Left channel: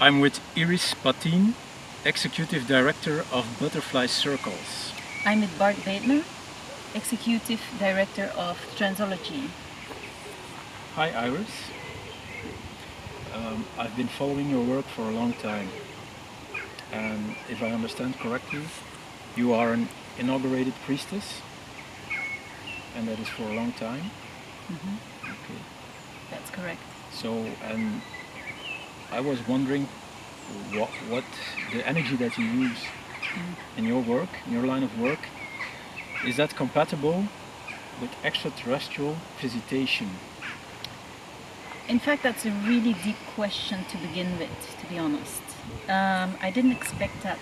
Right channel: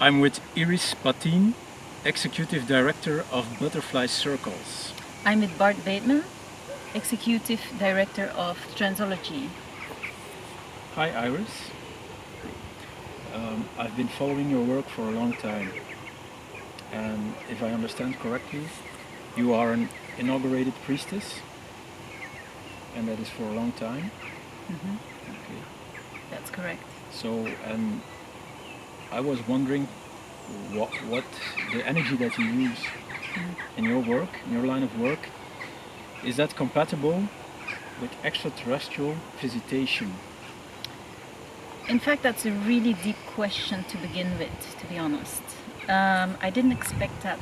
I'm with Iris Patin, Executive Director of Butterfly Circles. I'm with Bart Bateman, Executive Director of Transology. Hi Iris. I've been following your work for a long time, and if I understand correctly, you are an inaugurated priestess, and that is for a long time. Mm-hmm. Okay. That's correct. So, and I was wondering what the energy that you use in your work, in your line of work, is that compatible with extraterrestrial visitation? In fact, that's a really deep question to begin with, to be honest. I didn't expect that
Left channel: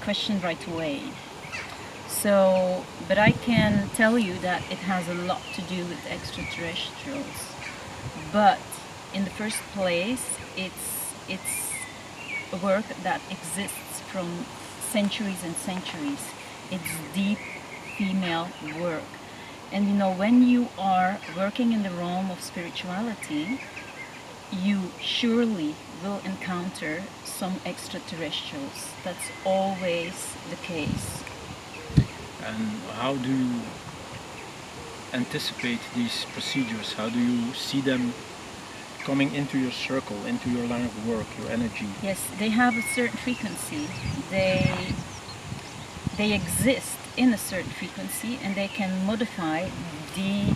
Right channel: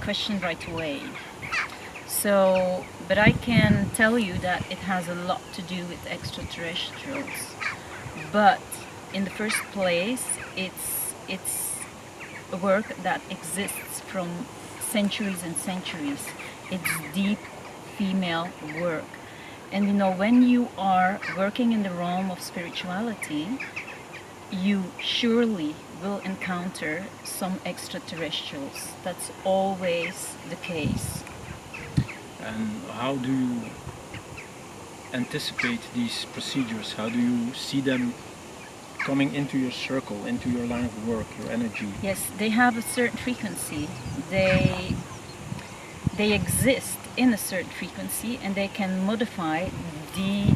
question right away. So, but I can tell you that it has a lot to do with extraterrestrials. But in the first place, it's a work that exists from centuries and centuries. It's deep female work. And you know, when you are working in the realm of spirituality, you surely will encounter some extraterrestrials. That's always the case. And how do you anticipate these procedures? How do you see them coming into your circle, into your line of work, your energy? Yes, they have a certain frequency. They exist in a certain frequency, and they can modify the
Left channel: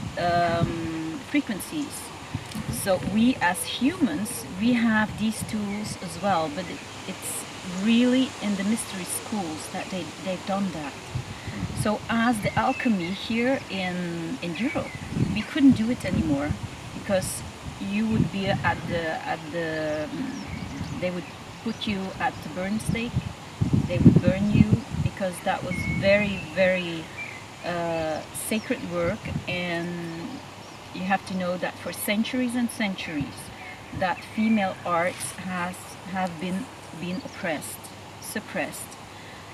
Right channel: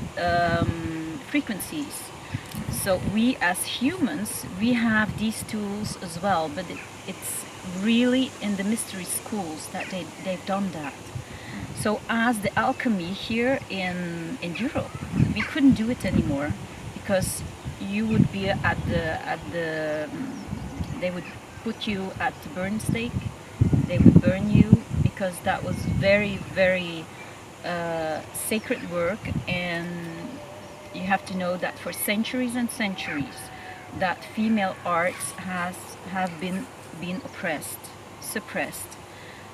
frequencies. Mm-hmm. So we as humans, we have these tools as well, but it's really in the mystery schools that they've done that. Mm-hmm. So as the alchemy here in Europe, we couldn't do it anymore because you would be at the they would put you at the burn stake. They would burn you because that was very, very sacred work, and you have to know that for centuries and centuries that female arts have been oppressed, suppressed.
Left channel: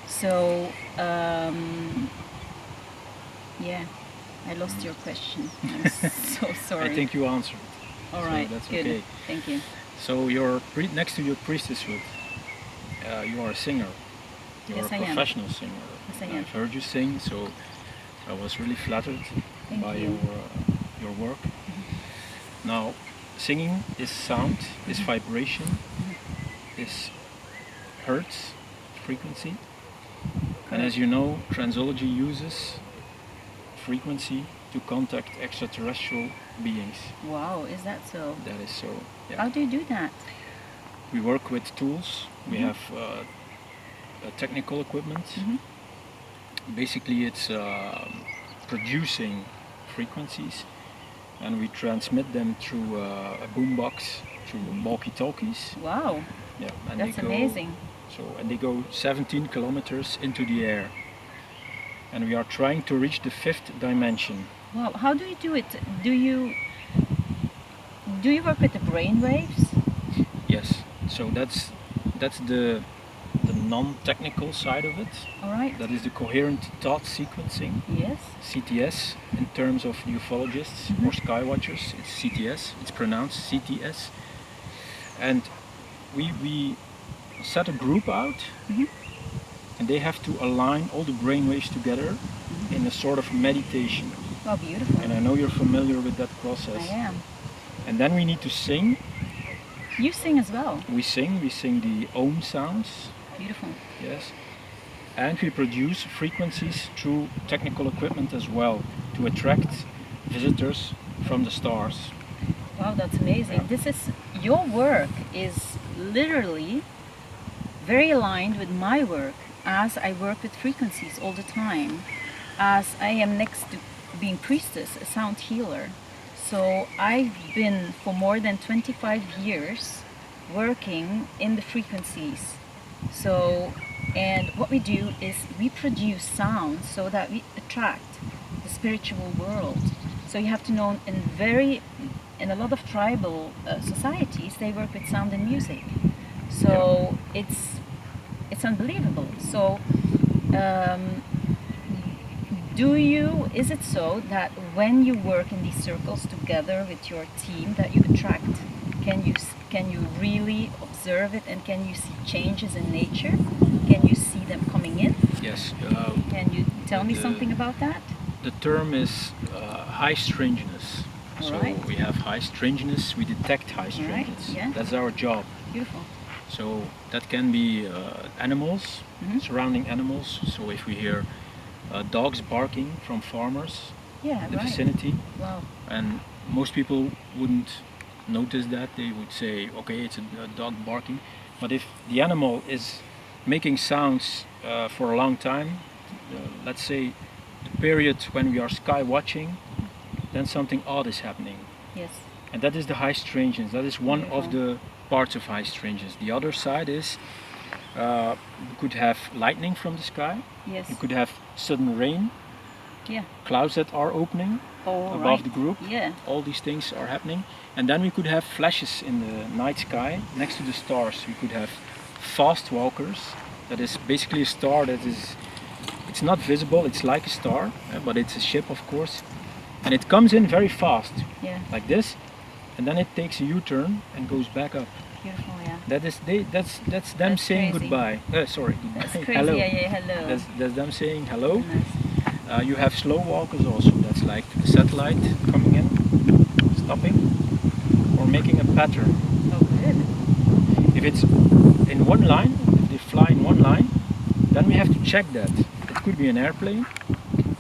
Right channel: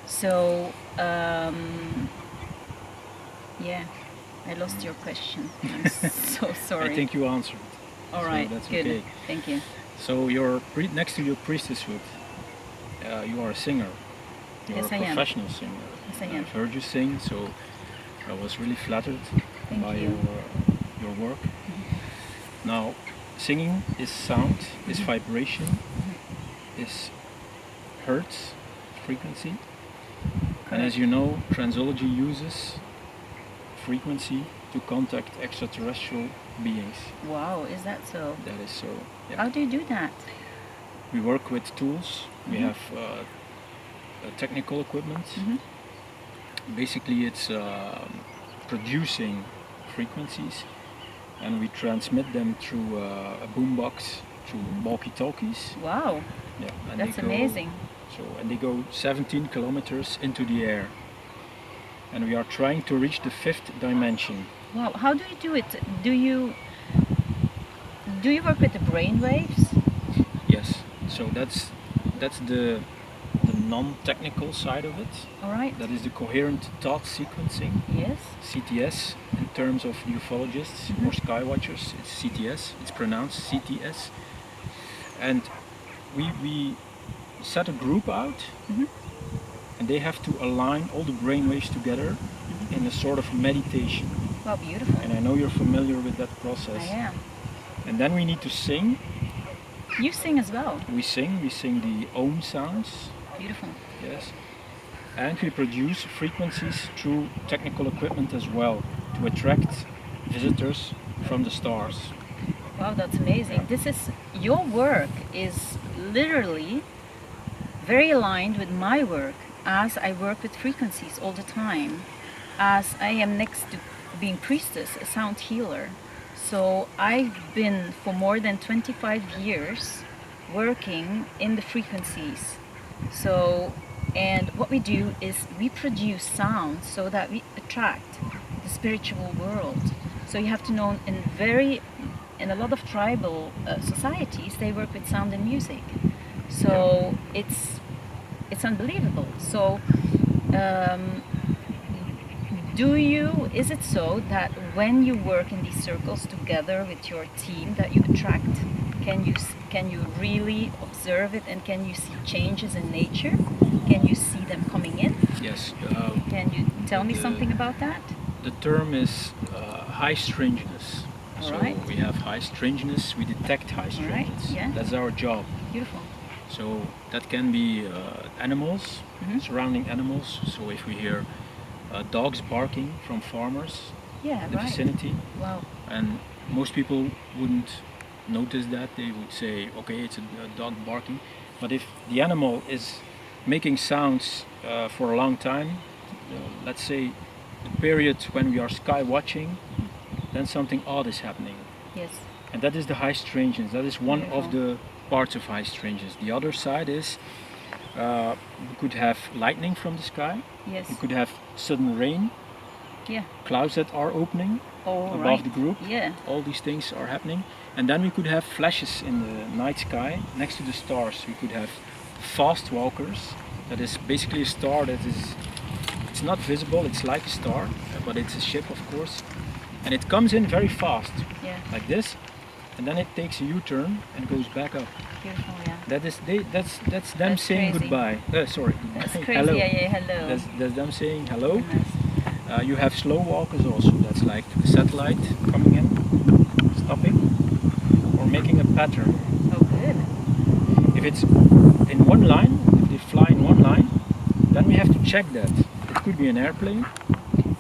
So yeah, I lost your question. I'm so sorry. I think you answered. All right, so that's good. Okay. Thank you. So next to your priestesshood, you are a singer. You're Yes, a I am. professional singer. Yes, I am. I've heard you sing, so I was really flattered by you. your work. Mm-hmm. Now, singing is sound, is vibration, is hertz, frequency. And as you know, Transology uses frequency to contact extraterrestrial beings. Wow, is that so? That is so. Yeah. How do you do that? We work with tools. We have technical equipment. Basically, it's producing frequencies, and we transmit them through a boombox, through walkie-talkies. Wow. Yeah, and that's amazing. And they go 17 kilometers into the air, and we are trying to reach the 5th dimension. Wow. How do you do it? Do you work with the brain waves? Yes. So that's the non-technical side of it. All right. That is the coherent thought sequencing. Yes. CTS in terms of ufologists or skywatchers. It's CTS. It's pronounced CTS. And we set a group out, and they have to align all the brainwaves together in a sort of meditation. Wow, beautiful. And I know you're familiar with that process. I am. And then we need to sing. You sing as well. We sing the Om sounds. Beautiful. Yes. And we produce frequencies through technical equipment as well to attract visitors from the stars. Wow, that's amazing. Yeah. This is, your work is literally very aligned with my work, as I work with frequencies all the time, as I am next to being priestess, a sound healer. So I've been for more than 25 years working in the frequencies. So, and what we do is we produce sound so that we attract the spiritual world. So you have to know, in a lot of tribal societies, they work with sound and music. So it's unbelievable. So is it so that when you work in these circles together with your team that you attract can you really observe it, and can you see changes in nature? Can you see them coming in? Yes. Can you tell me something about that? The term is high strangeness. All so right. we have high strangeness. We detect high All right, strangeness. yeah. That's our job. Beautiful. So that can be animals, Mhm. surrounding animals. So if we hear dogs barking from farmers Yeah, in the right. vicinity, Wow. and most people wouldn't notice that. They would say, okay, it's a dog barking. But if the animal is making sounds for a long time, let's say the period when we are sky watching, then something odd is happening. Yes. And that is the high strangeness. That is one of Beautiful. the parts of high strangeness. The other side is you could have lightning from the sky. Yes. You could have sudden rain, Yeah. clouds that are opening All above right. the group. Yeah. All these things are happening. And then we could have flashes in the night sky next to the stars. We could have fast walkers. That is basically a star that is, it's not visible, it's like a star, but it's a ship, of course. And it comes in very fast, Yeah. like this, and then it takes a U-turn and goes back up. Beautiful. Yeah. That's them That's saying crazy. goodbye. Sorry, goodbye. That's crazy. Hello. Yeah. Yeah. Hello. That's them saying hello. Goodness. You have slow walkers also. That's like a satellite coming in, stopping, or making a pattern. Oh, good. If it's in one line, if they fly in one line, then we have to check that. It could be an airplane,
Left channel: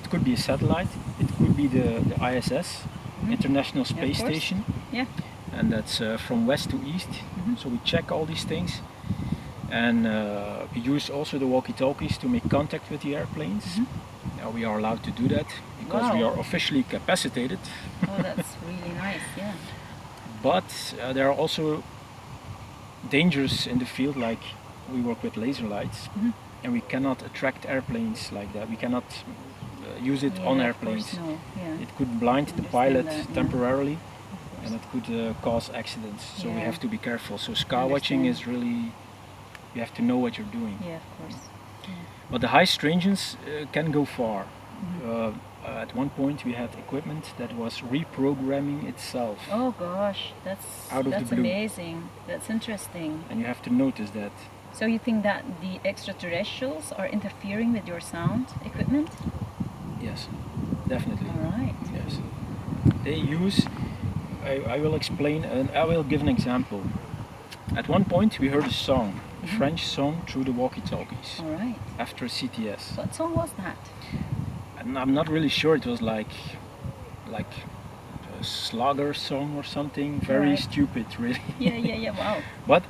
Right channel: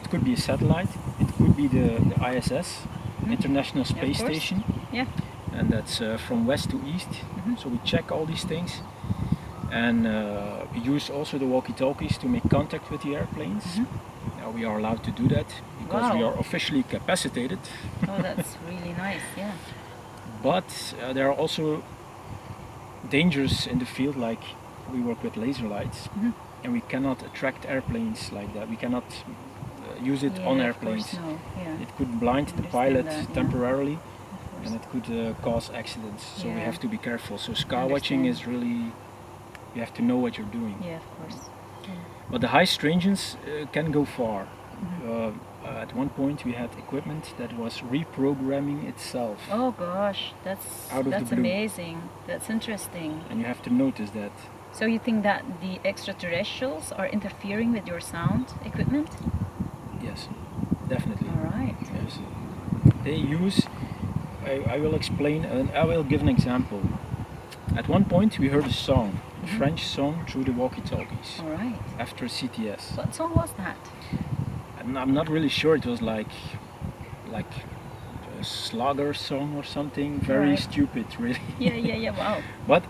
it could be a satellite, it could be the ISS, International Space course. Station, Yeah. and that's from west to east. Mhm. So we check all these things, and we use also the walkie-talkies to make contact with the airplanes. Now we are allowed to do that because we Wow. are officially capacitated. Oh, that's really nice. Yeah. But there are also dangers in the field, like we work with laser lights, and we cannot attract airplanes like that. We cannot use it Yeah, on of airplanes. course, no. Yeah. It could blind the Understand pilot that, yeah. temporarily, Of course. and it could cause accidents. So we Yeah. have to be careful. So sky watching Understand. is really, you have to know what you're doing. Yeah, of course. But the high strangeness can go far. At one point we had equipment that was reprogramming itself, Oh gosh, Out of the that's blue. amazing. That's interesting. and you have to notice that. So you think that the extraterrestrials are interfering with your sound equipment? Yes, definitely. All right. Yes. They use, I will explain, and I will give an example. At one point we heard a song, a French song, through the walkie-talkies All right. after CTS. What song was that? And I'm not really sure, it was like a slugger song or something, very Right. stupid really. Yeah, yeah, yeah. Wow. But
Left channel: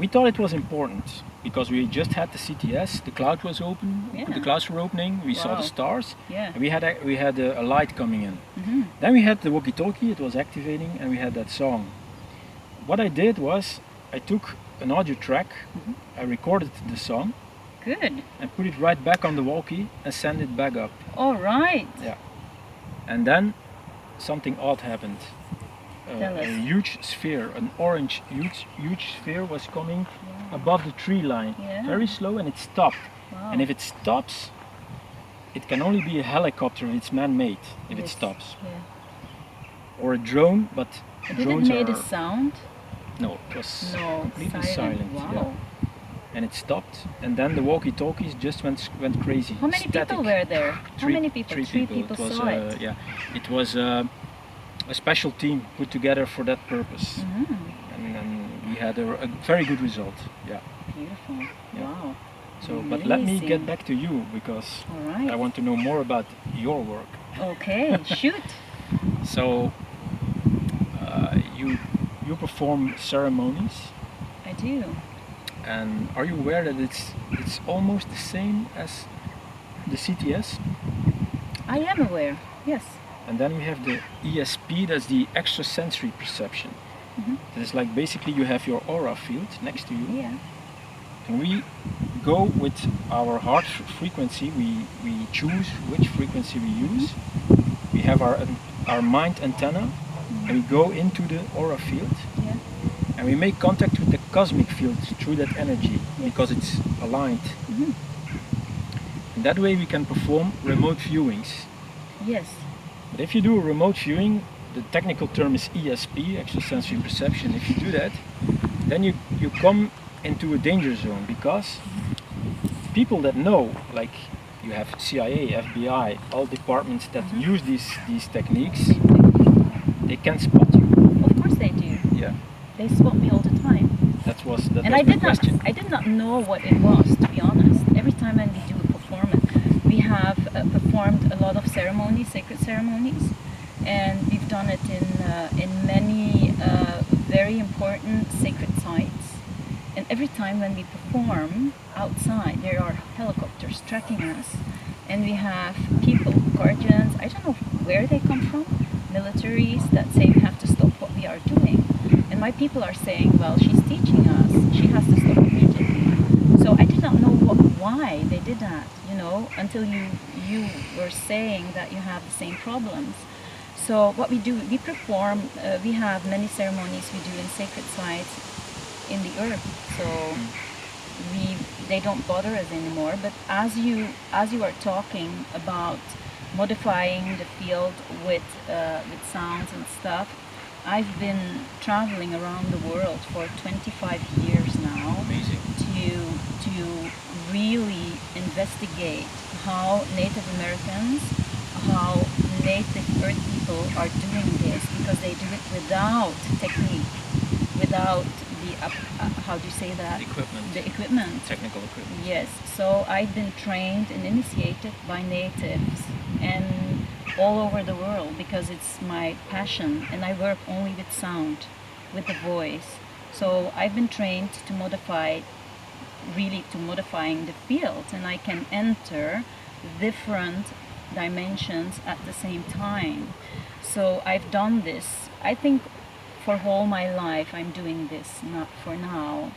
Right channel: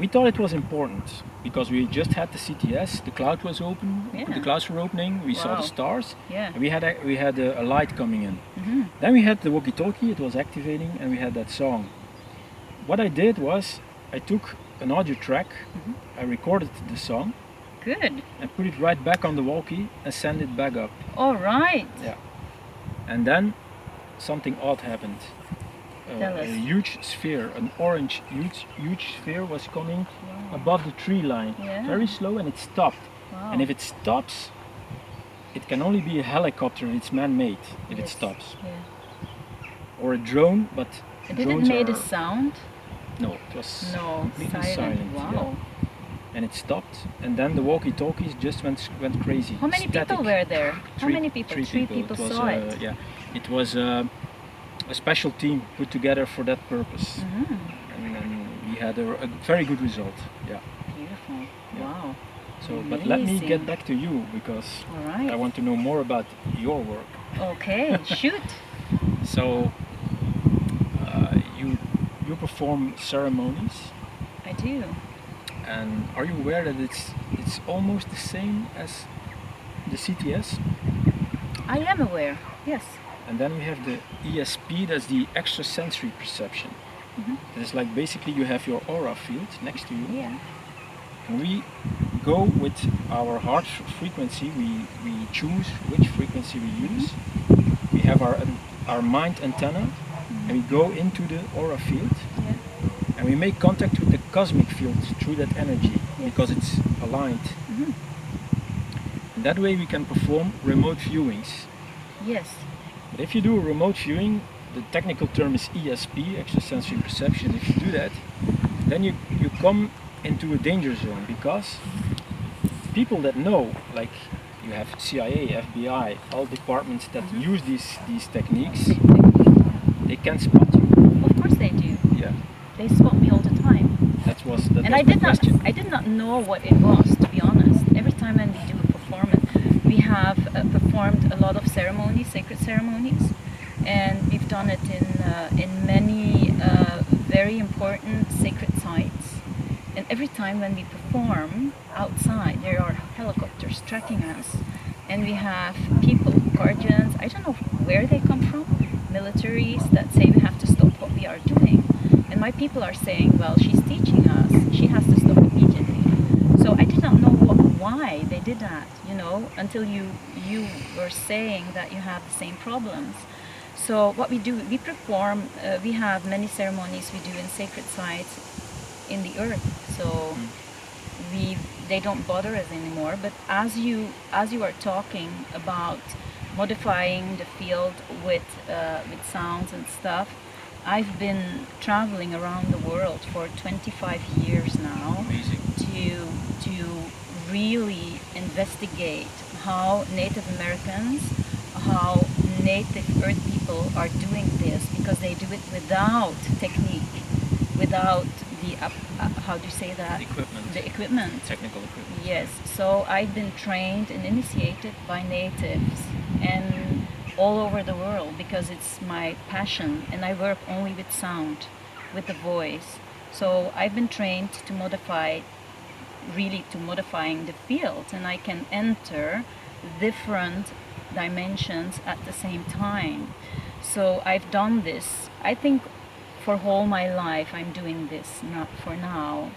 we thought it was important because we just had the CTS, the cloud was open, Yeah. the clouds were opening, we saw Wow. the stars, Yeah. and we had a light coming in. Mm-hmm. Then we had the walkie-talkie, it was activating, and we had that song. What I did was I took an audio track, I recorded the song, Good. and put it right back on the walkie and send it back up. All right. Yeah. And then something odd happened. Tell A us. huge sphere, an orange huge sphere was coming above the tree line, Yeah. very slow, and it stopped. Wow. And if it stops, it can only be a helicopter if it's man-made, if it Yes. stops. Yeah. Or a drone, but Did it drones made are... a sound? No, it was No. completely Silent. silent. Wow. Yeah. And it stopped, and then the walkie-talkies just went crazy. How many Static. people were there? How many people? Three people It was, saw it. Yeah, it was a special team put together for that purpose, and we had a very good result. Yeah. Beautiful. Yeah. Wow. So, but let me Amazing. get back to you because All right. I want to know more about your work. Okay. Shoot. So, you perform ceremonies, I do. and are you aware that it's almost the same as the CTS? I am aware. Yes. And then we have the ESP, that's the extrasensory perception. That is like basically you have your aura field next to you, Yeah. and we go with our heart frequency, we choose which frequency we use. We have our mind antenna, and we go into the aura field, Yeah. and we make contact with the cosmic field through that energy because it's aligned. And that way we can perform remote viewings. Yes. But if you do a remote viewing, the technical term is ESP, extrasensory perception. If you do that, then you come into a danger zone, because people that know, like you have CIA, FBI, all departments that use these techniques, Same technique. they can spot you. Of course they do. Yeah, They spot me all the time. that was And my question. I did not know what it was, to be honest. Every time when we do a performance, we have performed a lot of ceremonies, sacred ceremonies, and we've done it in many very important sacred sites. And every time when we perform outside, there are helicopters tracking us, and we have people, guardians, I don't know where they come from, militaries that say we have to stop what we are doing. And my people are saying, well, she's teaching us, she has to stop immediately. So I did not know why they did that, you know, until you were saying that you have the same problems. So what we do, we perform, we have many ceremonies we do in sacred sites in the earth. So they don't bother us anymore. But as you are talking about modifying the field with sounds and stuff, I've been traveling around the world for 25 years now. Amazing. To really investigate how Native Americans, how Native Earth people are doing this, because they do it without technique, without the how do you say that? The equipment. Technical equipment. Yes. So I've been trained and initiated by natives and all over the world, because it's my passion, and I work only with sound, with the voice. So I've been trained to modifying the field, and I can enter different dimensions at the same time. So I've done this, I think, for whole my life. I'm doing this, not for now.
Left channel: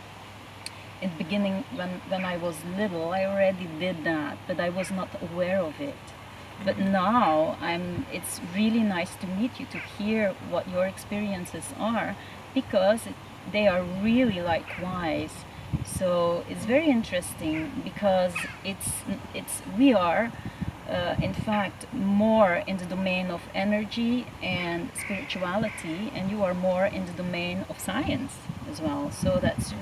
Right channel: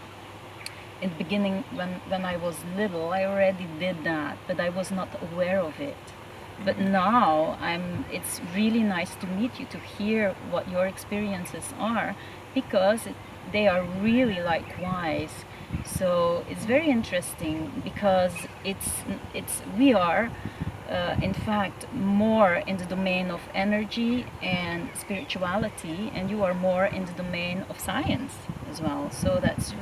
In the beginning, when I was little, I already did that, but I was not aware of it. But now it's really nice to meet you, to hear what your experiences are, because they are really likewise. So it's very interesting, because we are in fact more in the domain of energy and spirituality, and you are more in the domain of science as well. So that's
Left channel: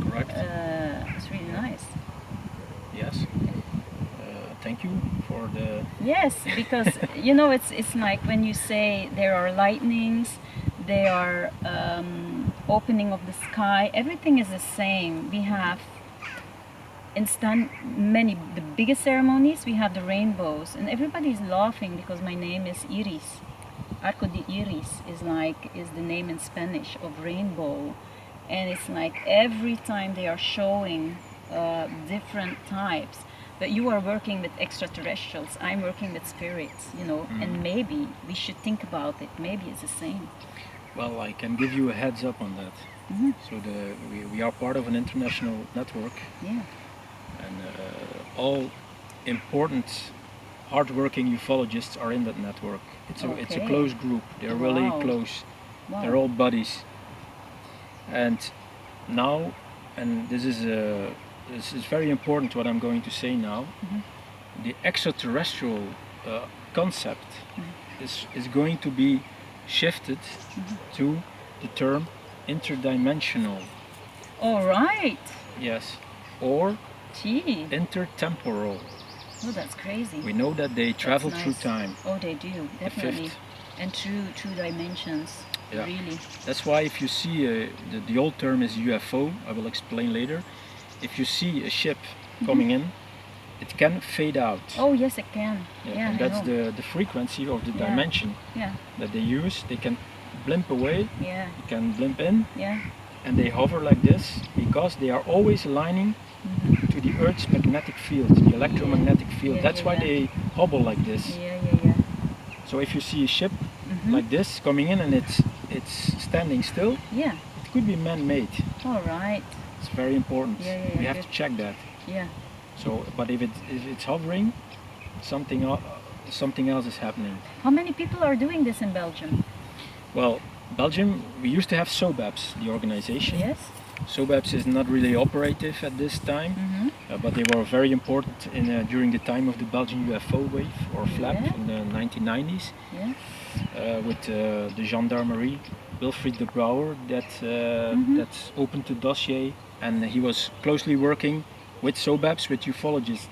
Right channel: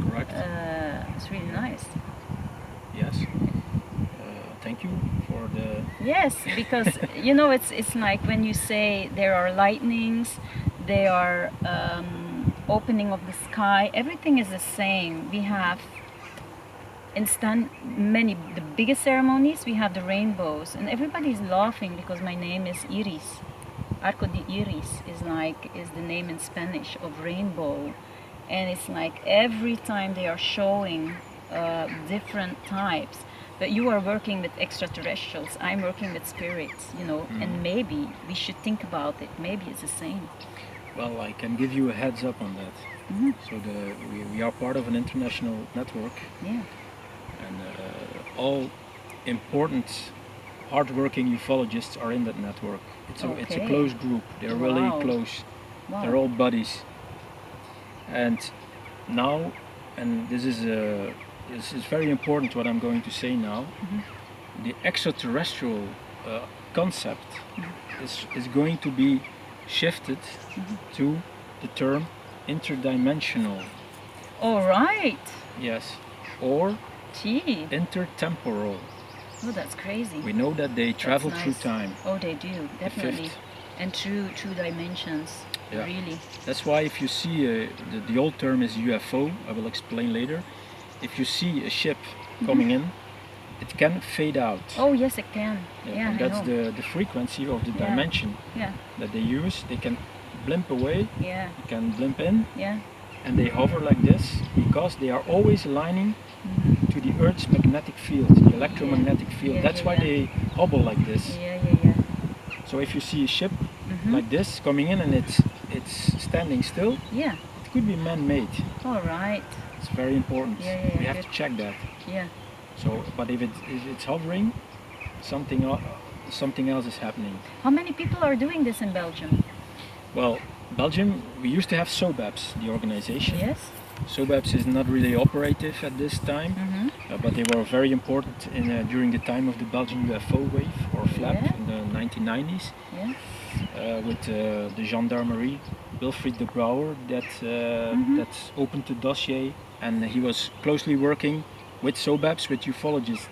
correct. It's really nice. Yes. Thank you for the... Yes, because you know, it's like when you say there are lightnings, there are opening of the sky, everything is the same. We have the biggest ceremonies, we have the rainbows, and everybody's laughing because my name is Iris. Arco de Iris is the name in Spanish of rainbow, and it's like every time they are showing different types. But you are working with extraterrestrials, I'm working with spirits, you know, and maybe we should think about it. Maybe it's the same. Well, I can give you a heads up on that. So we are part of an international network. Yeah. And all important, hardworking ufologists are in that network. It's a close group. They're really close. Wow. They're all buddies. And now, and this is very important what I'm going to say now, the extraterrestrial concept is going to be shifted to the term interdimensional. All right. Yes. Or Gee. intertemporal. Oh, that's crazy. We know that they travel That's through nice. time. Oh, they do, definitely. fifth. And through dimensions, Yeah. really. That's why if you see, the old term is UFO, I will explain later. If you see a ship coming in, it can fade out. Oh, yes, it can. Yeah, and I that's know. the frequency of the Yeah. dimension Yeah, that they use. They can blimp away, yeah, you can blimp in, yeah. and they hover like this because they are always aligning to the Earth's magnetic field, the electromagnetic field. Yeah, That's yeah, why yeah. they hobble like this. Yeah. So if you see a ship like this coming in and it's standing still, Yeah, it could be man-made. all right. It's very important. Yeah, We have good. to check that. Yeah. So, but if it's hovering, something else is happening. How many people are doing this in Belgium? Well, Belgium, we used to have SOBAPS, the organization. Yes. SOBAPS is not really operative at this time, but they were very important during the time of the Belgian UFO wave or flap Yeah. in the 1990s. Yeah. with the gendarmerie, Wilfried de Brouwer, that opened the dossier, and he was closely working with SOBAPs, with ufologists.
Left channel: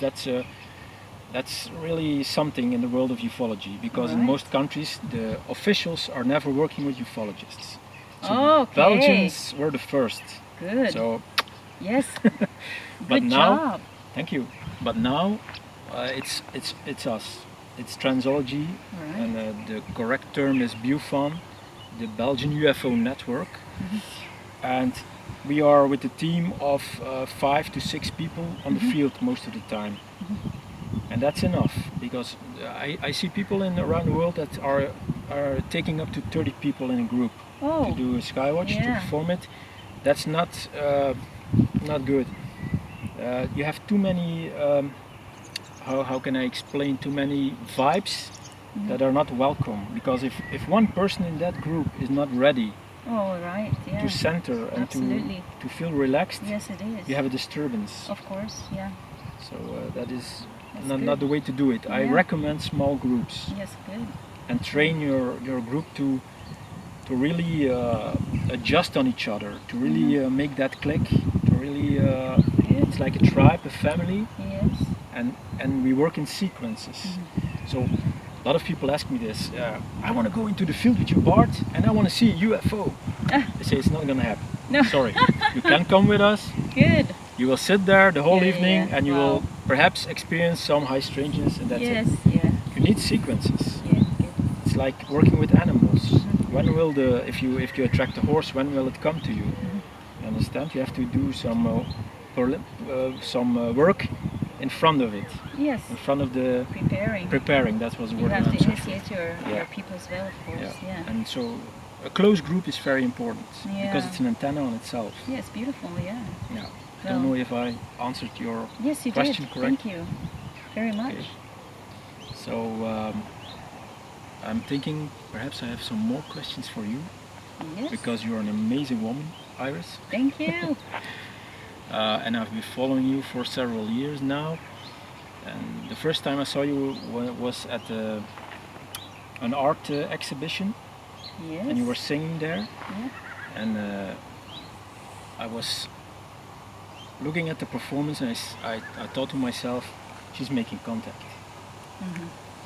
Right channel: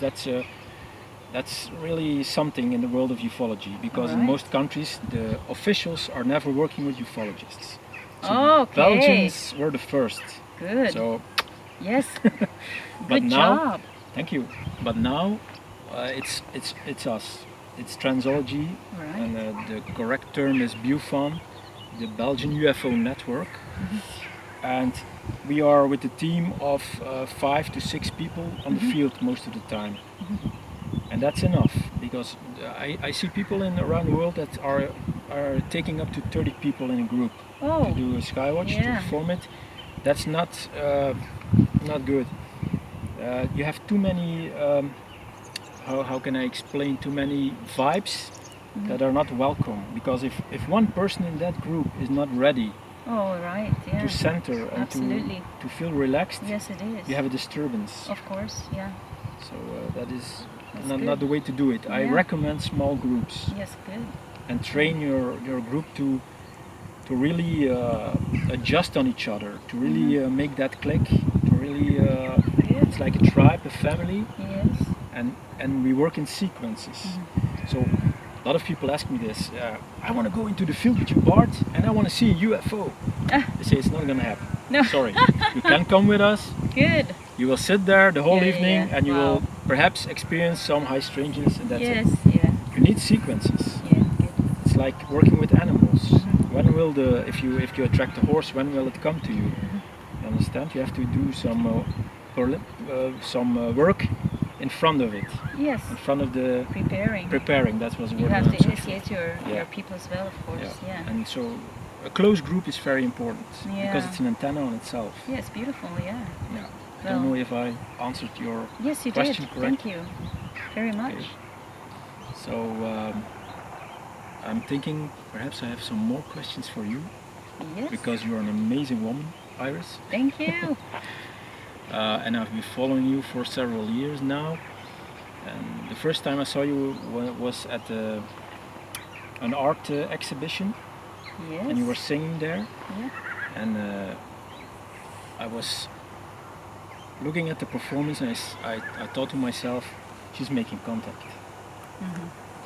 That's really something in the world of ufology, because in Right. most countries the officials are never working with ufologists. So Okay. Belgians were the first. Good. So, Yes. but Good now, job. thank you. But now it's us. It's Transology, Right. and the correct term is BUFON, the Belgian UFO Network, and we are with a team of 5 to 6 people on the field most of the time. And that's enough, because I see people around the world that are taking up to 30 people in a group Oh. to do a skywatch, to Yeah. perform it. That's not good. You have too many, how can I explain, too many vibes that are not welcome, because if one person in that group is not ready Oh, right. Yeah. to center and Absolutely. to feel relaxed, Yes, it is. you have a disturbance. Of course. Yeah. So that is That's not good. the way to do it. I Yeah. recommend small groups, Yes. Good. and train your group to really adjust on each other, to really make that click, to really Good. it's like a tribe, a family, Yes. and we work in sequences. So a lot of people ask me this, I want to go into the field with you, Bart, and I want to see a UFO. Ah. I say it's not going to happen. No. Sorry, you can come with us. Good. You will sit there the whole Yeah, yeah, evening, yeah. and you Wow. will perhaps experience some high strangeness, and that's Yes. it. Yeah. You need sequences. Yeah. Good. It's like working with animals. When will if you attract a horse, when will it come to you? You understand? You have to do some work in front of it, Yes. in front of the Preparing. preparing. That was the You word have I'm to searching for. initiate Yeah. your people as well, of course. Yeah. And so a close group is very important, because Yeah. it's an antenna on itself. Yes. Beautiful. Yeah. Yeah. I Well. don't know if I answered your Yes, you question did. correct. Thank you very much. Okay. So I'm thinking perhaps I have some more questions for you, Yes. because you're an amazing woman, Iris. Thank you. And I've been following you for several years now. And the first time I saw you was at an art exhibition, Yes. and you were singing there. Yeah. And I was looking at the performance, and I thought to myself, she's making contact.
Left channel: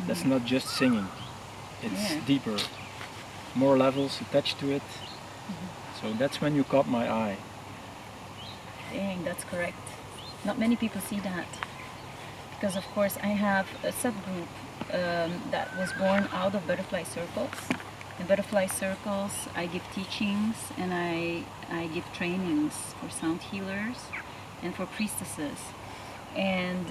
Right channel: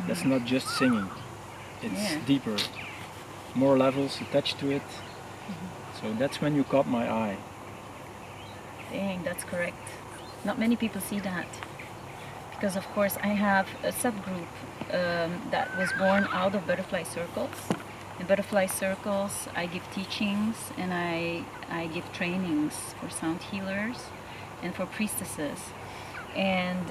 That's not just singing, it's Yeah. deeper, more levels attached to it. So that's when you caught my eye. Dang, that's correct. Not many people see that. Because, of course, I have a subgroup that was born out of butterfly circles. In butterfly circles, I give teachings and I give trainings for sound healers and for priestesses. And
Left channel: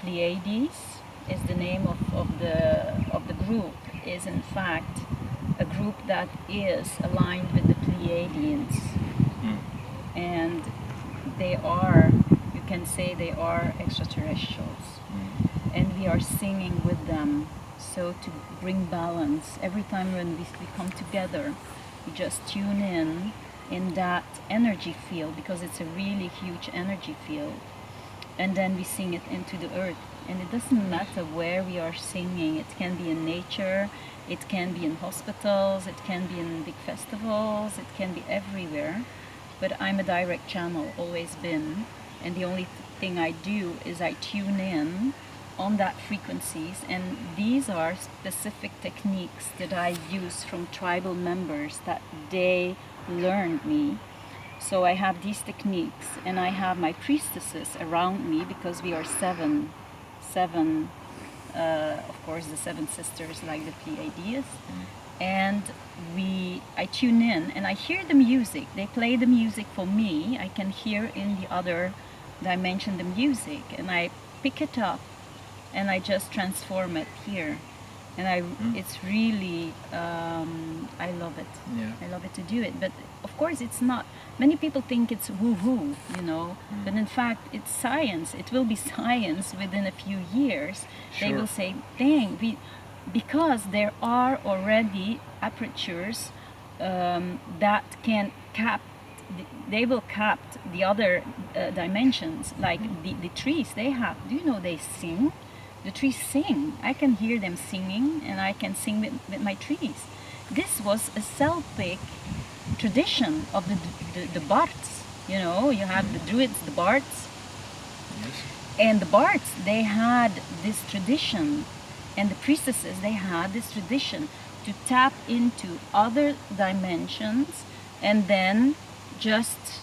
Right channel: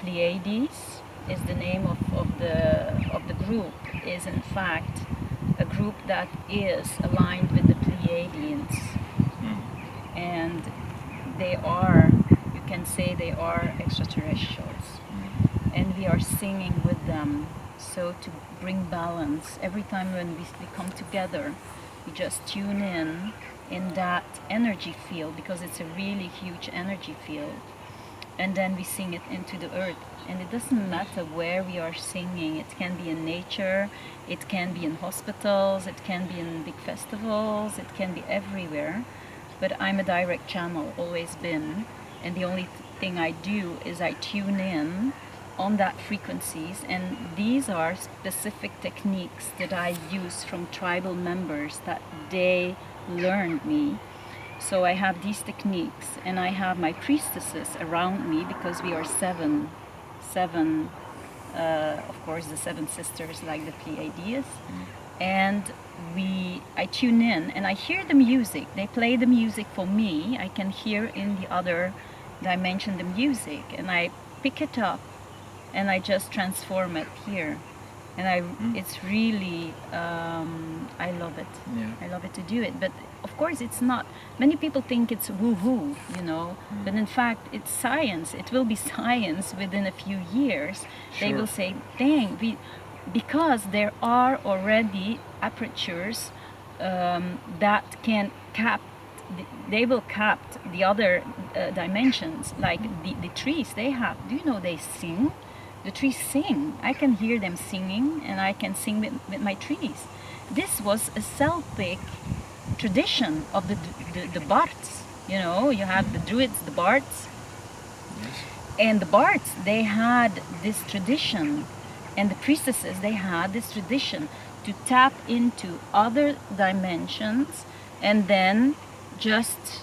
Pleiades is the name of the group, is in fact a group that is aligned with the Pleiadians. And they are, you can say they are extraterrestrials. And we are singing with them, so to bring balance. Every time when we come together, we just tune in that energy field, because it's a really huge energy field. And then we sing it into the earth. And it doesn't matter where we are singing. It can be in nature, it can be in hospitals, it can be in big festivals, it can be everywhere. But I'm a direct channel, always been. And the only thing I do is I tune in on that frequencies. And these are specific techniques that I use from tribal members that they learned me. So I have these techniques, and I have my priestesses around me, because we are seven, of course, the 7 sisters like the Pleiades. And I tune in and I hear the music. They play the music for me. I can hear in the other dimension the music, and I pick it up and I just transform it here. And it's really, I love it. Yeah. I love it to do it. But of course, it's not. Many people think it's woo-woo, you know. But in fact, it's science. It will be science within a few years. They Sure. will say, dang, because there are already apertures that can they will cap the other dimensions, like the trees they have. Do you know they sing? The trees sing. I can hear them singing, and I can sing with my trees. This was a Celtic tradition of the bards. You know, you have the druids, the bards, Yes. and the bards. They had this tradition, and the priestesses. They had this tradition to tap into other dimensions, and then just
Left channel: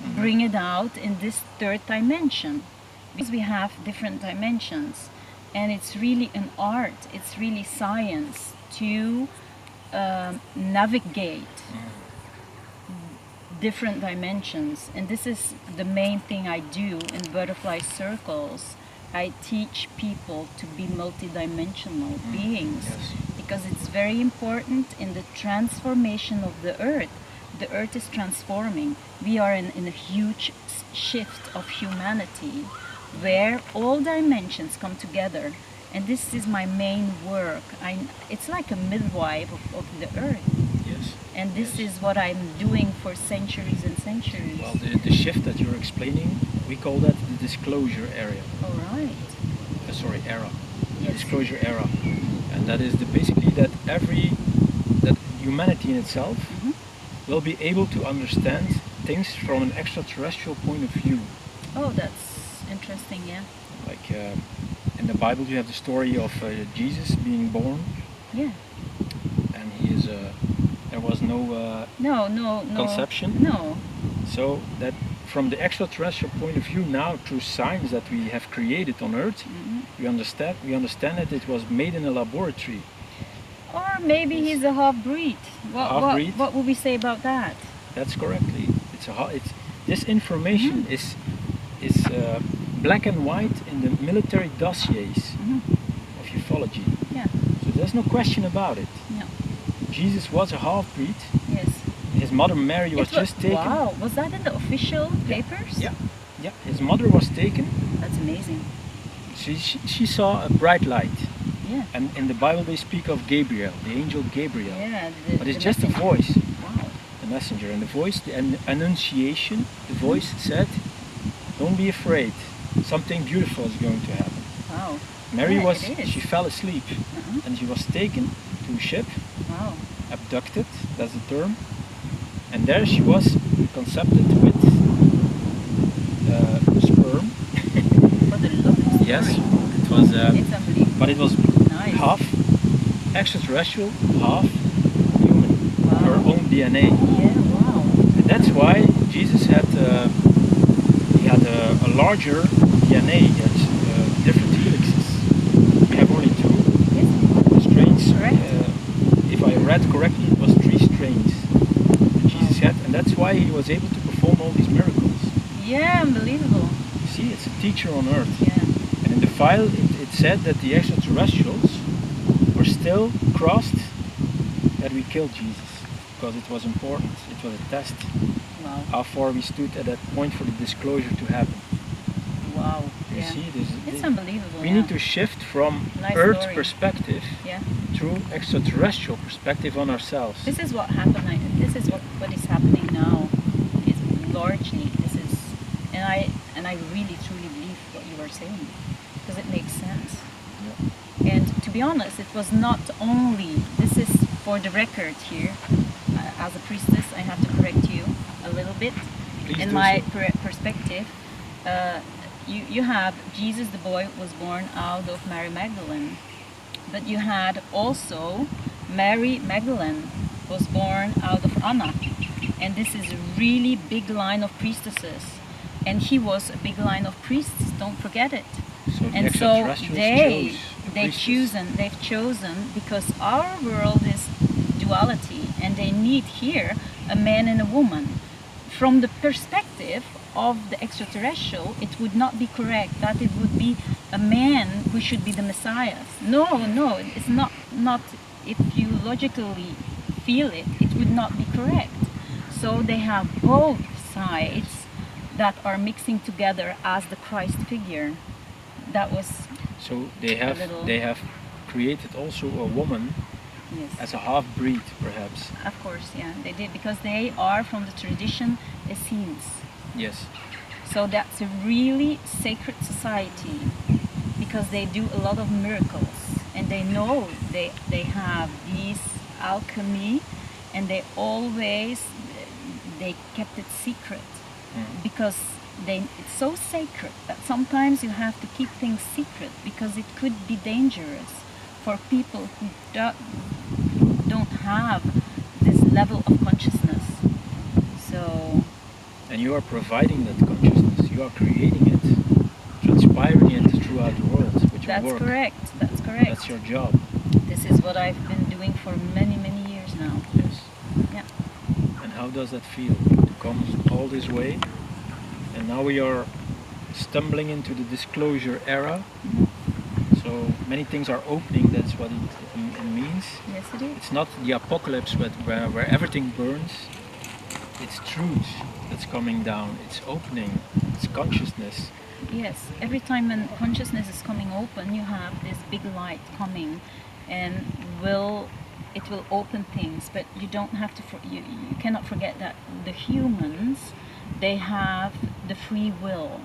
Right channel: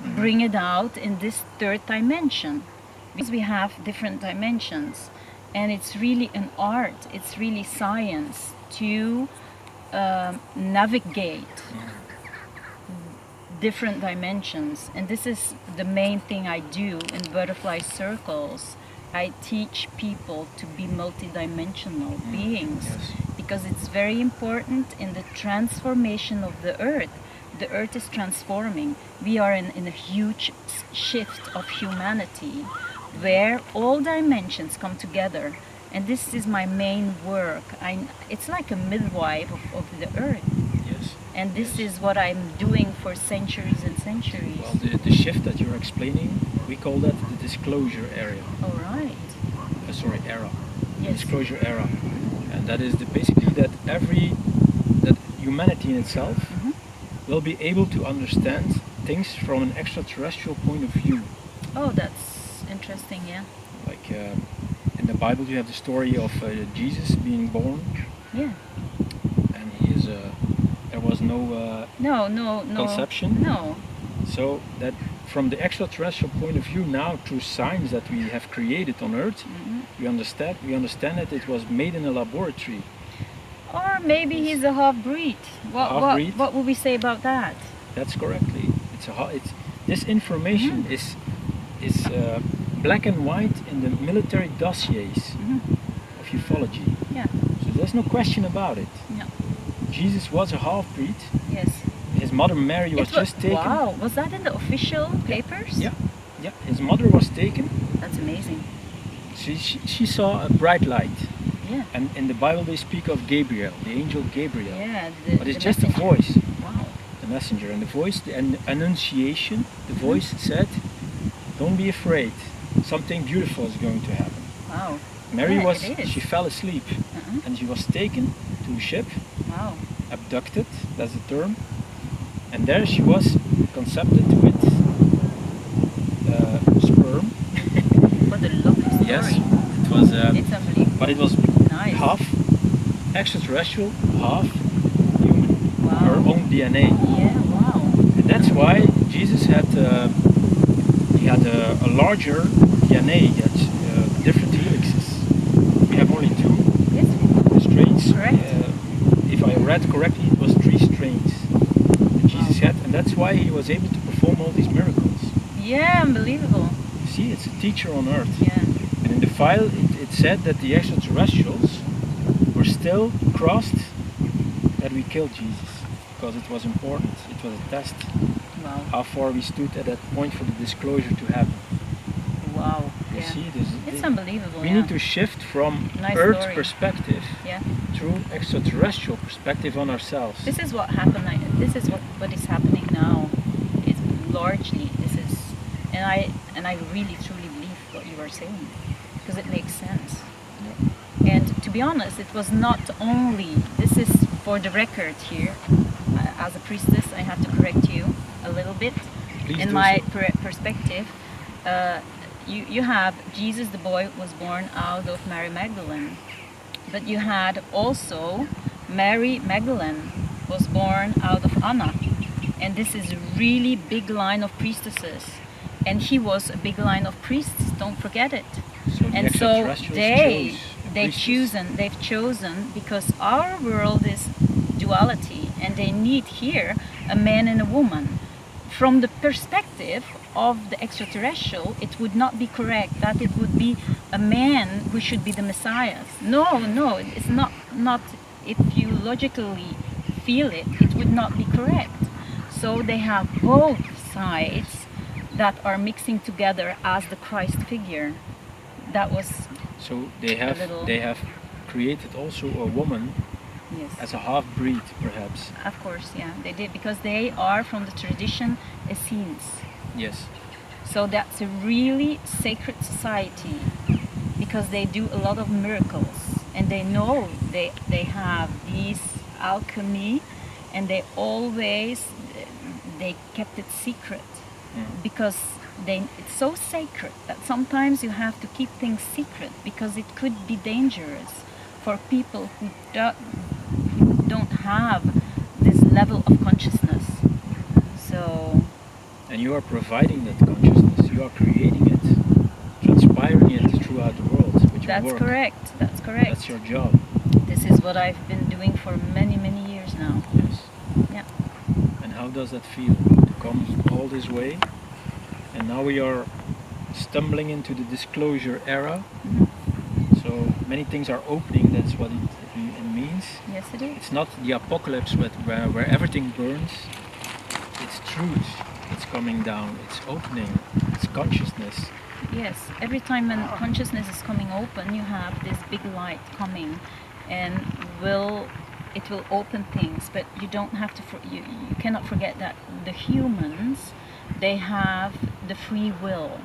bring it out in this third dimension. Because we have different dimensions, and it's really an art, it's really science to navigate different dimensions. And this is the main thing I do in butterfly circles. I teach people to be multidimensional beings, Yes. because it's very important in the transformation of the earth. The earth is transforming. We are in a huge shift of humanity where all dimensions come together. And this is my main work. It's like a midwife of the earth. Yes. And this Yes. is what I'm doing for centuries and centuries. Well, the shift that you're explaining, we call that the disclosure area. All right. Sorry, era. The Yes. disclosure era. And that is basically that that humanity in itself will be able to understand things from an extraterrestrial point of view. Oh, that's interesting, yeah. Like in the Bible, you have the story of Jesus being born, Yeah. and there was no No. conception. No. So that from the extraterrestrial point of view now, through science that we have created on Earth, we understand that it was made in a laboratory. Or maybe he's a half-breed. Half-breed? What would we say about that? That's correctly. It's this information is black and white in the military dossiers of ufology. Yeah. So there's no question about it. No. Jesus was a half-breed. Yes. His mother Mary was just taken. Wow, was that in the official papers? Yeah. His mother was taken. That's amazing. She saw a bright light. Yeah. And in the Bible they speak of Gabriel, the angel Gabriel. Yeah. But it's the just a messenger. voice, Wow. the messenger. And the voice, the annunciation, the voice said, don't be afraid. Something beautiful is going to happen. Wow. Mary Yeah, it is. she fell asleep and she was taken to a ship, Wow. abducted, that's the term. And there she was conceived with sperm. What a lovely story. Yes, it was, It's unbelievable. but it was Nice. half extraterrestrial, half human. Wow. Her own DNA. Yeah, wow. And that's why Jesus had a larger DNA, he had different helixes. We have only two Yes. strains. Correct. If I read correctly, it was 3 strains that Jesus had, and that's why he was able to perform all these miracles. Yeah, unbelievable. See, it's a teacher on earth. Yeah. And in the file, it said that the extraterrestrials were still crossed that we killed Jesus, because it was important. It was a test. Wow. How far we stood at that point for the disclosure to happen. Wow. You Yeah. see, It's unbelievable. we yeah. need to shift from Nice Earth story. perspective Yeah. through extraterrestrial perspective on ourselves. This is what happened. This is what is happening now. It's largely this is, and I really truly believe what you are saying, because it makes sense. Yeah. And to be honest, it was not only. This is for the record here. As a priestess, I have to correct you a little bit. Please In do my so. perspective, you have Jesus, the boy, was born out of Mary Magdalene, but you had also Mary Magdalene was born out of Anna, and this is a really big line of priestesses, and he was a big line of priests. Don't forget it. So the And so extraterrestrials chose a priestess. they've chosen because our world is duality, and they need here a man and a woman. From the perspective of the extraterrestrial, it would not be correct that it would be a man who should be the Messiah. No, it's not. If you logically feel it, it would not be correct. So they have both sides that are mixing together as the Christ figure. That was So they have created also a woman yes. as a half-breed, perhaps. Of course, yeah, they did, because they are from the tradition Essenes. Yes. So that's a really sacred society. because they do a lot of miracles, and they know they have these alchemy, and they kept it secret because it's so sacred that sometimes you have to keep things secret because it could be dangerous for people who don't have this level of consciousness. So, and you are providing that consciousness, you are creating it, transpiring it throughout the world with your work. That's correct. That's your job. This is what I've been doing for many, many years now. Yes. Yeah. And how does that feel to come all this way? And now we are stumbling into the disclosure era. So many things are opening, that's what it means. Yes, it is. It's not the apocalypse where everything burns. It's truth that's coming down. It's opening. It's consciousness. Yes, every time when consciousness is coming open, you have this big light coming, and it will open things. But you don't have to. You cannot forget that the humans, they have the free will,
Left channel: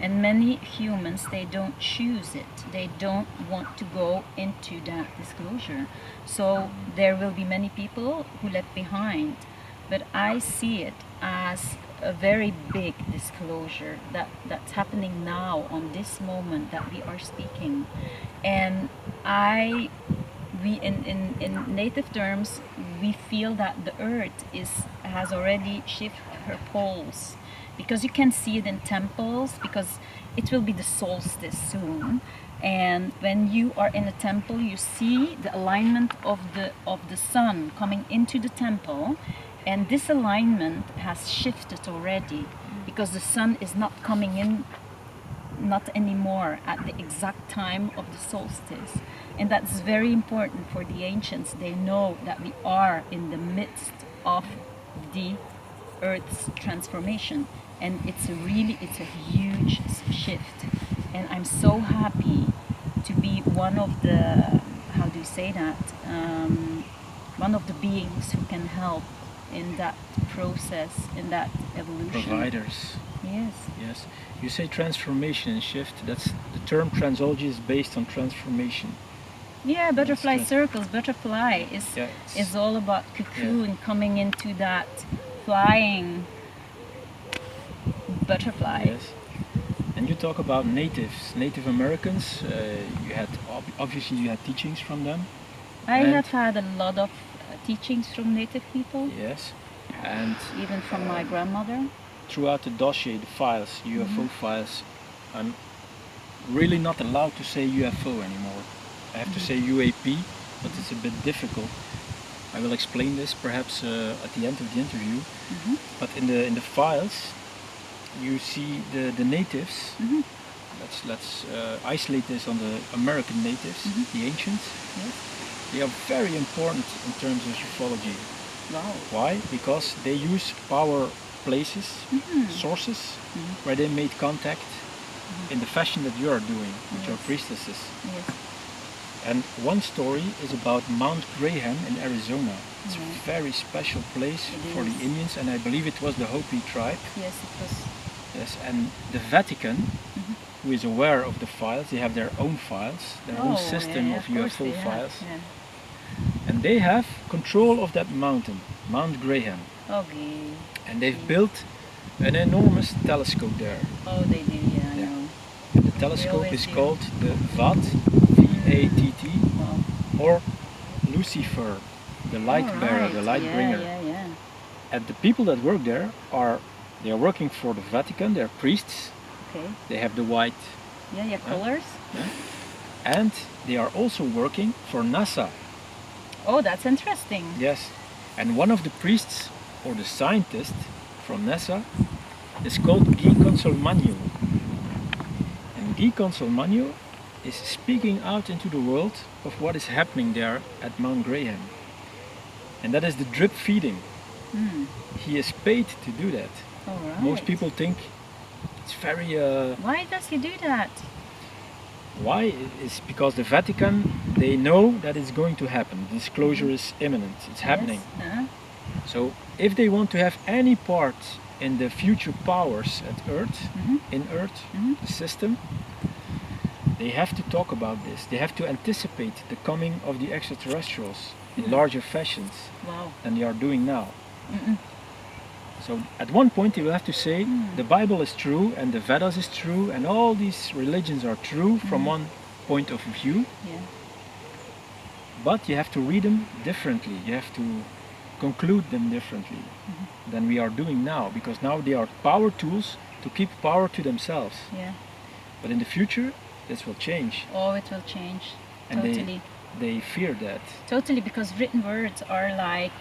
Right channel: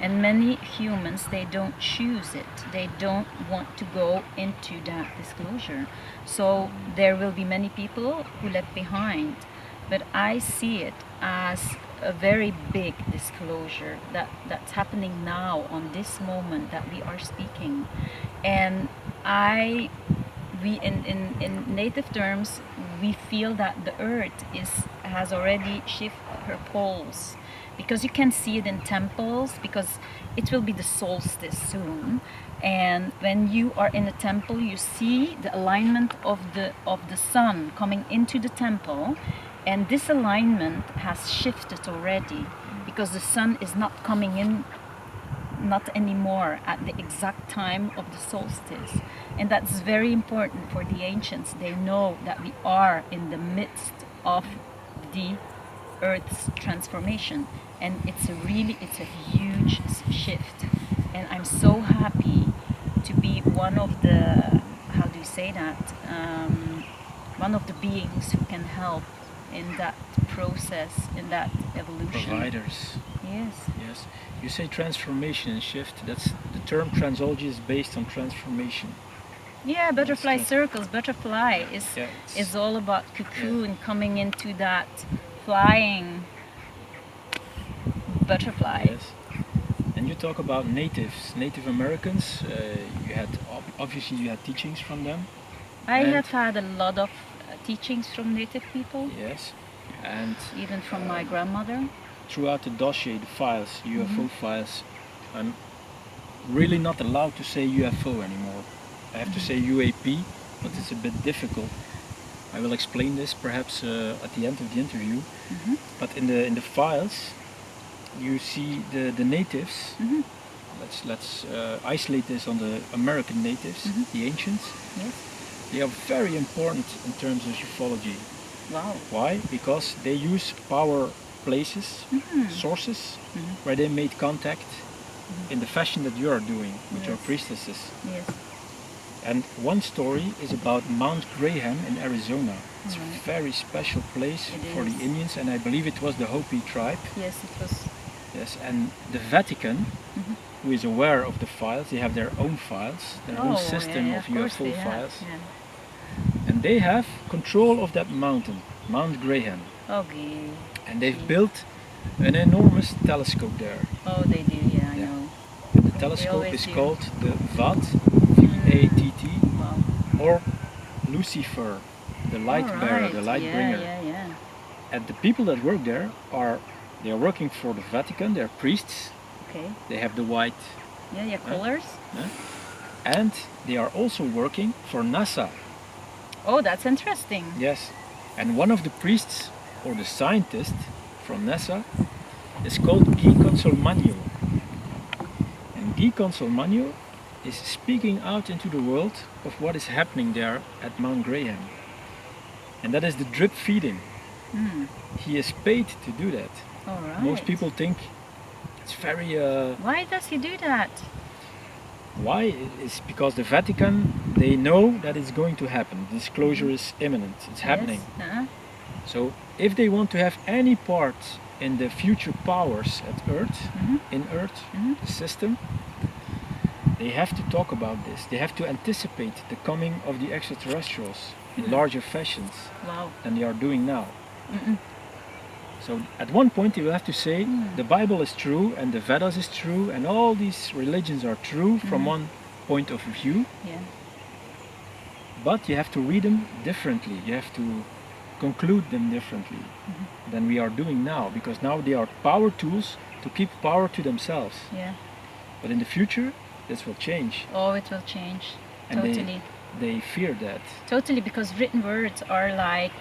and many humans, they don't choose it. They don't want to go into that disclosure. So there will be many people who left behind, but I see it as a very big disclosure that's happening now on this moment that we are speaking. And in native terms, we feel that the earth has already shifted her poles, because you can see it in temples, because it will be the solstice soon. And when you are in a temple, you see the alignment of the sun coming into the temple. And this alignment has shifted already, because the sun is not coming in, not anymore at the exact time of the solstice. And that's very important for the ancients. They know that we are in the midst of the Earth's transformation. And it's a huge shift. And I'm so happy to be one of the, how do you say that? One of the beings who can help in that process, in that evolution. Providers. Yes. Yes. You say transformation and shift. That's the term Transology is based on transformation. Yeah, butterfly circles. Butterfly is all about cocoon, coming into that flying butterfly. Yes. And you talk about Native Americans. You had obviously you had teachings from them. I have had a lot of teachings from native people. Yes. And even from my grandmother. Throughout the dossier, the files, UFO files, I'm really not allowed to say UFO anymore. I have to say UAP, but it's a bit difficult. I will explain this perhaps at the end of the interview. But in the files, you see the natives. Let's isolate this on the American natives, the ancients. Yes. They are very important in terms of ufology. Wow. Why? Because they use power places, sources, where they made contact in the fashion that you are doing with your priestesses. Yes. And one story is about Mount Graham in Arizona. It's a very special place for the Indians, and I believe it was the Hopi tribe. Yes, it was. Yes, and the Vatican, who is aware of the files, they have their own files, their own system of UFO files. Yeah. And they have control of that mountain, Mount Graham. Okay. And they've built an enormous telescope there. Oh, they do, I know. And the telescope is called the VAT, V-A-T-T, wow. or Lucifer, the light bearer, the light bringer. Yeah. And the people that work there are working for the Vatican, they're priests. Okay. They have the white colors. And they are also working for NASA. Oh, that's interesting. Yes. And one of the priests, or the scientist from NASA, is called Guy Consolmagno. And Guy Consolmagno is speaking out into the world of what is happening there at Mount Graham. And that is the drip feeding. He is paid to do that. All right. Most people think it's very... Why does he do that? Why? It's because the Vatican, they know that it's going to happen. Disclosure is imminent. It's happening. So if they want to have any part in the future powers at Earth, in Earth, the system, they have to talk about this. They have to anticipate the coming of the extraterrestrials in larger fashions Wow. than they are doing now. So at one point they will have to say the Bible is true and the Vedas is true and all these religions are true from one point of view, Yeah. but you have to read them differently. You have to conclude them differently than we are doing now, because now they are power tools to keep power to themselves. Yeah. But in the future, this will change. Oh, it will change. And Totally. they fear that. Totally, because written words are like,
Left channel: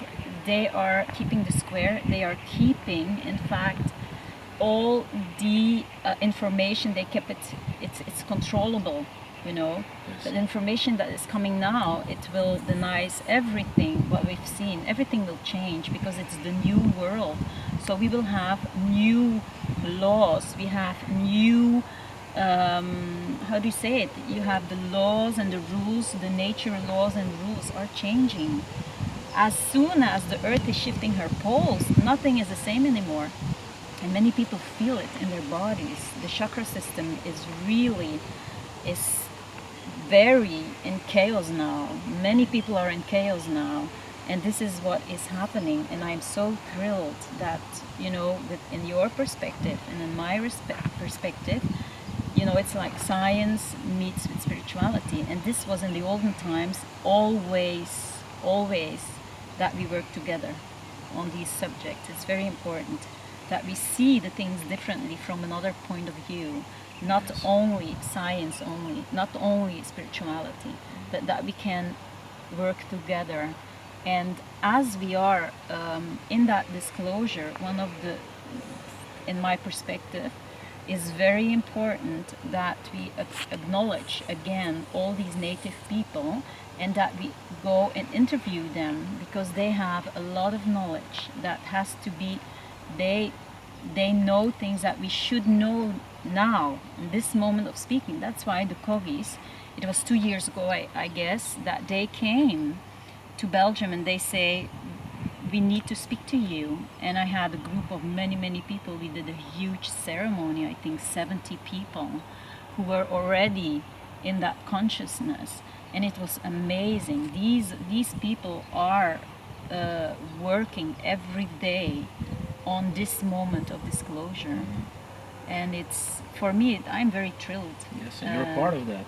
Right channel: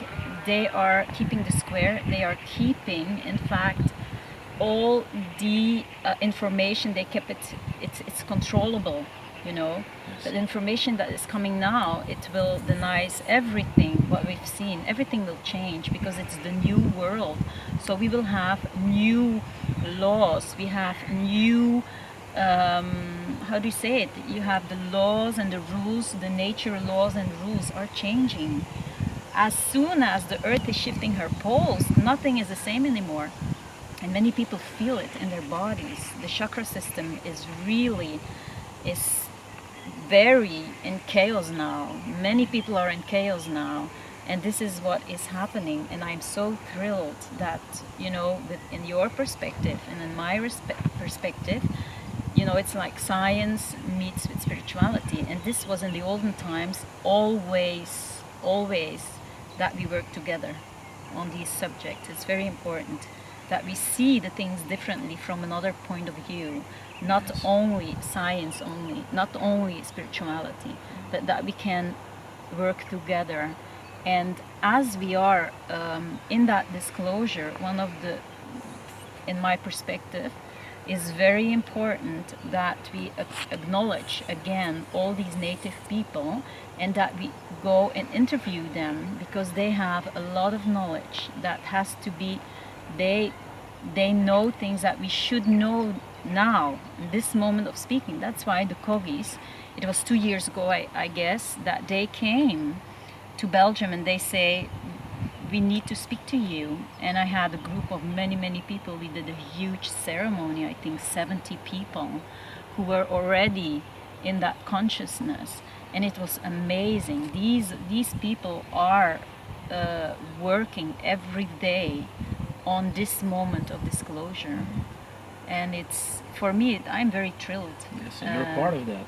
they are keeping the square. They are keeping, in fact, all the information. They kept it. It's controllable, you know. Yes. But the information that is coming now, it will deny everything what we've seen. Everything will change because it's the new world. So we will have new laws. We have new. How do you say it? You have the laws and the rules, the nature laws and rules are changing. As soon as the earth is shifting her poles, nothing is the same anymore. And many people feel it in their bodies. The chakra system is very in chaos now. Many people are in chaos now. And this is what is happening. And I'm so thrilled that, you know, in your perspective and in my perspective, you know, it's like science meets with spirituality. And this was in the olden times always that we work together on these subjects. It's very important that we see the things differently from another point of view. Not only science only, not only spirituality, but that we can work together. And as we are in that disclosure, one of the, in my perspective, is very important that we acknowledge again all these native people and that we go and interview them, because they have a lot of knowledge that has to be, they know things that we should know now, in this moment of speaking. That's why the Coggies, it was 2 years ago, I guess, that they came to Belgium and they say, we need to speak to you. And I had a group of many people. We did a huge ceremony, I think 70 people who were already in that consciousness, and it was amazing. These people are working every day on this moment of disclosure. And it's, for me, I'm very thrilled. Yes, and you're part of that.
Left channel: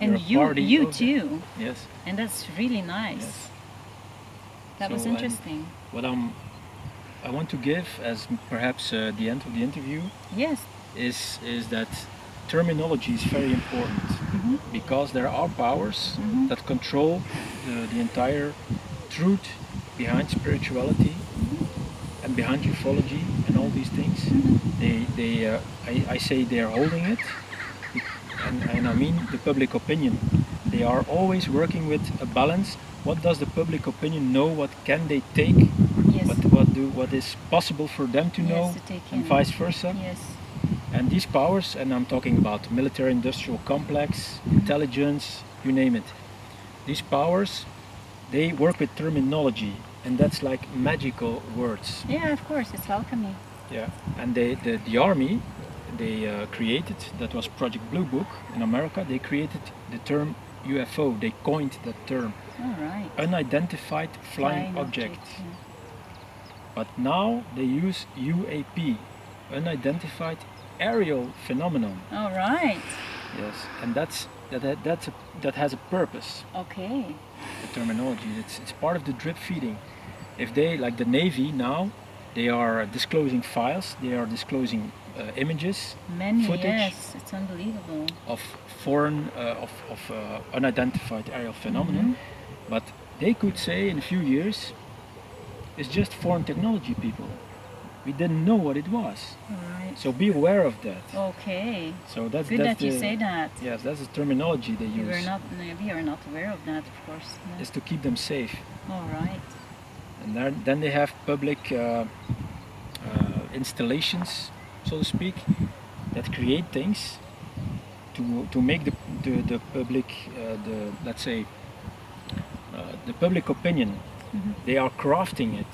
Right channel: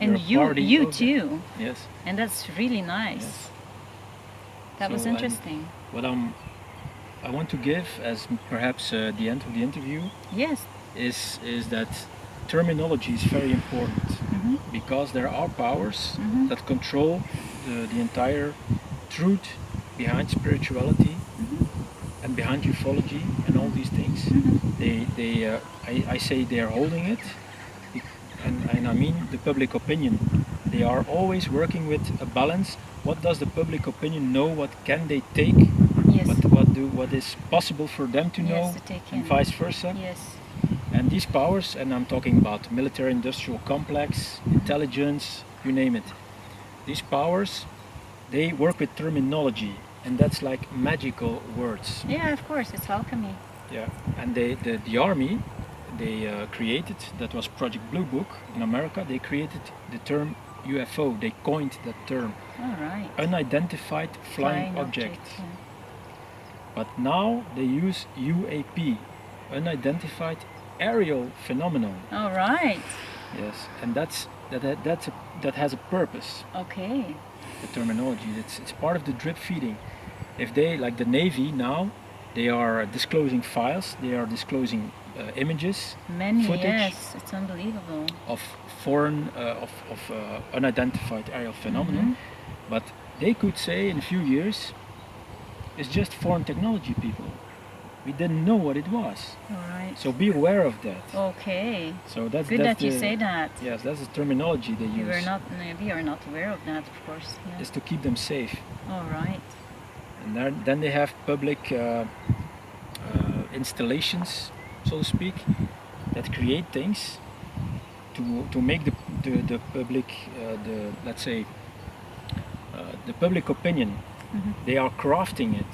And you too. Yes. And that's really nice. Yes. That was interesting. What I want to give as perhaps the end of the interview, yes, is that terminology is very important, because there are powers that control the entire truth behind spirituality and behind ufology and all these things. I say they are holding it, and I mean the public opinion. They are always working with a balance. What does the public opinion know? What can they take? Yes. What is possible for them to know, to take and in. vice versa. Yes. And these powers, and I'm talking about military-industrial complex, intelligence, you name it. These powers, they work with terminology, and that's like magical words. Yeah, of course, it's alchemy. Yeah, and the army, they created, that was Project Blue Book in America, they created the term UFO, they coined that term. All right. Unidentified flying object. Yeah. But now they use UAP, unidentified aerial phenomenon. All right. Yes, and that has a purpose. Okay. The terminology, it's part of the drip feeding. If they, like the Navy now, they are disclosing files, they are disclosing images, many footage, yes, it's unbelievable, of foreign, unidentified aerial phenomenon. But they could say in a few years, it's just foreign technology, people. We didn't know what it was. All right. So be aware of that. Okay. So that's good that's that you say that. Yes, that's the terminology they use. We are not aware of that, of course. Yeah. Is to keep them safe. All right. And then they have public installations, so to speak, that create things to make the public, let's say, the public opinion. They are crafting it.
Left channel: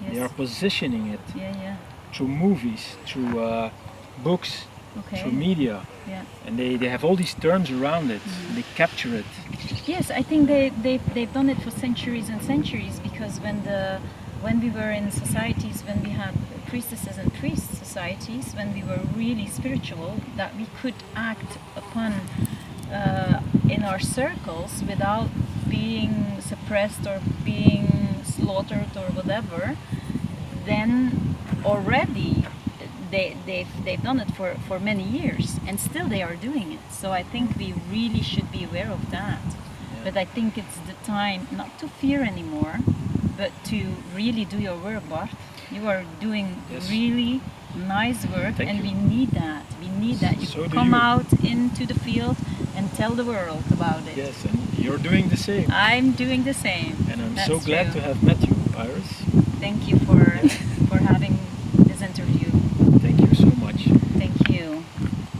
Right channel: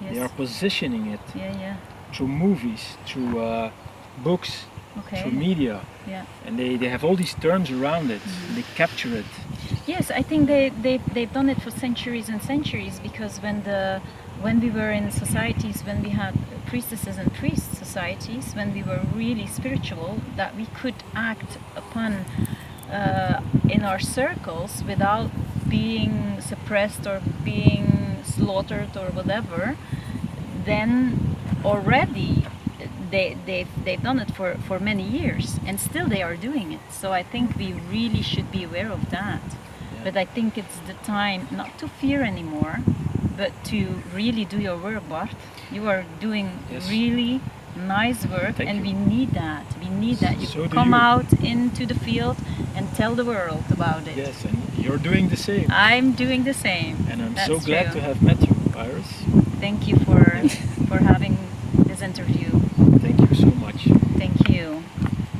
Yes. They are positioning it Yeah. through movies, through books, Okay. through media, Yeah. and they have all these terms around it. They capture it. Yes, I think they've done it for centuries and centuries, because when we were in societies, when we had priestesses and priest societies, when we were really spiritual, that we could act upon in our circles without being suppressed or being slaughtered or whatever, then already they've done it for many years, and still they are doing it. So I think we really should be aware of that. Yeah. But I think it's the time not to fear anymore, but to really do your work, Bart. You are doing Yes. really nice work, Thank and you. we need that. We need that. You So do come you. out into the field and tell the world about it. Yes, and you're doing the same. I'm doing the same. And I'm That's so glad true. to have met you, Iris. Thank you for having this interview. Thank you so much. Thank you.